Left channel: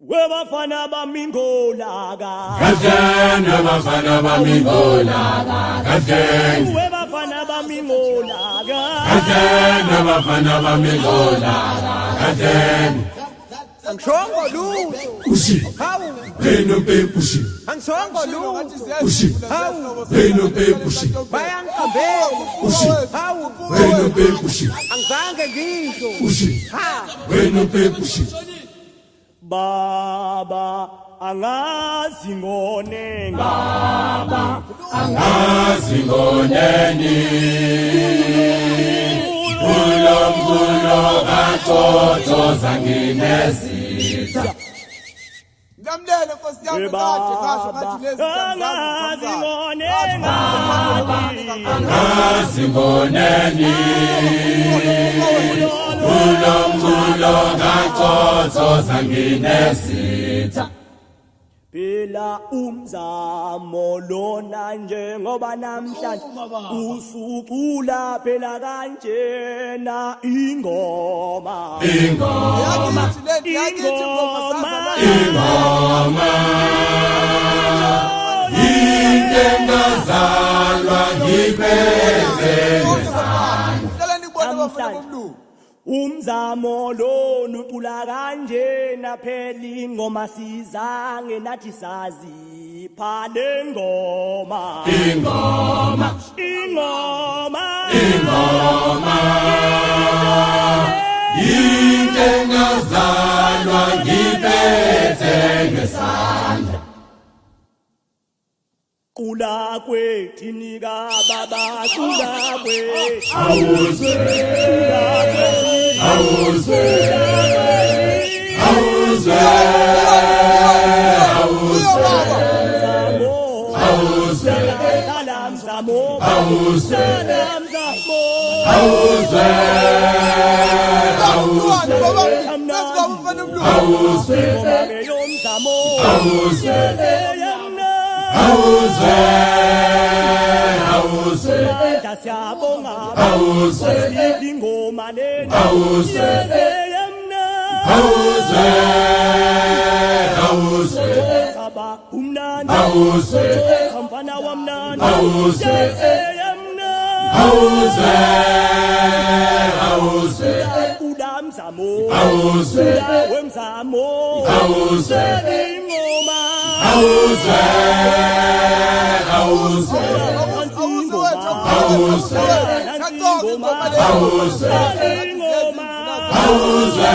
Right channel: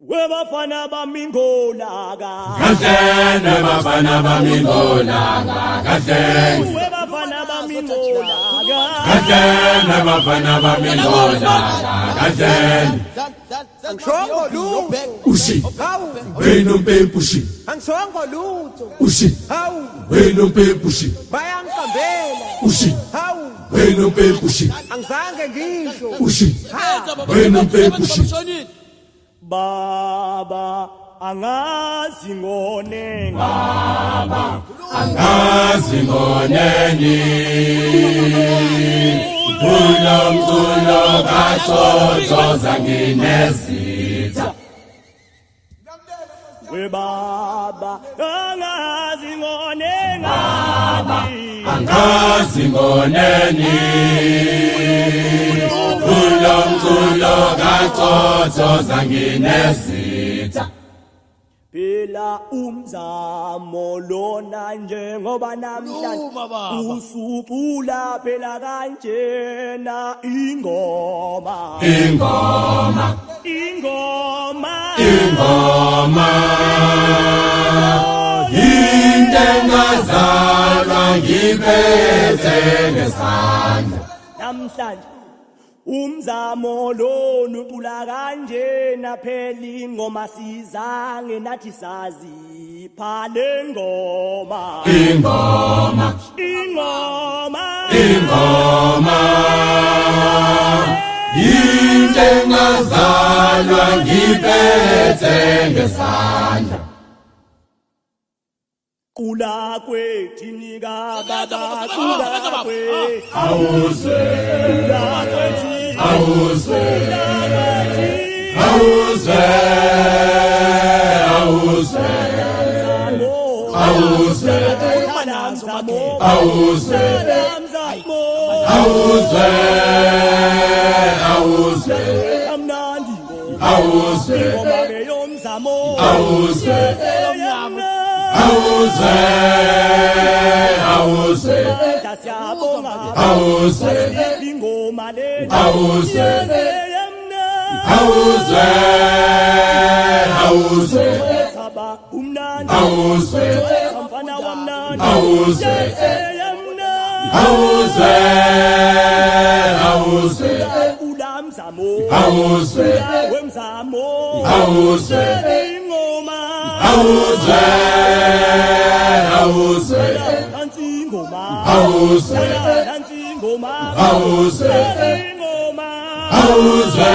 Webafana bamingolaka Kahlene bafana bamingolaka kahlene Webafana bamingolaka Kahlene bafana bamingolaka kahlene Angishongo lutho Ushi Hawu wena mpempushi Angishongo lutho Ushi Hawu wena mpempushi bayangikambela Ushi Hawu wena mpempushi angizange ngisho Ushi ha wena mpempushi Baba angazi ngone ngami angazi ngoneni Ulamzulo kathothoza nginezitha We baba angazi ngone ngani angazi ngoneni Ulamzulo kathothoza nginezitha Phela umzamo lona njengoba namhlanje usucula phela kanjena ingoma ingoma ingengazalwa ngibethe namhlanje umzamo lona ucula kanjena phela ingoma sizange nathi sazi phale ngoma ingoma ingengazalwa ngibethe ngesandla Kula kwethini kababa kula kwe awuzwe kula kwethi awuzwe kula kwethi awuzwe awuzwe Salamzamo awuzwe salamzamo awuzwe salamzamo awuzwe awuzwe amnandi awuzwe ingoma ke yomzamo awuzwe yamna awuzwe awuzwe manja siyabonga awuzwe wasiphi ingoma lena awuzwe yamna awuzwe awuzwe saba umnandi awuzwe mfana wamnandi awuzwe yamna awuzwe awuzwe ulamzamo awuzwe wemzamo awuzwe ingoma awuzwe awuzwe nansi ingoma awuzwe nansi ingoma awuzwe ingoma awuzwe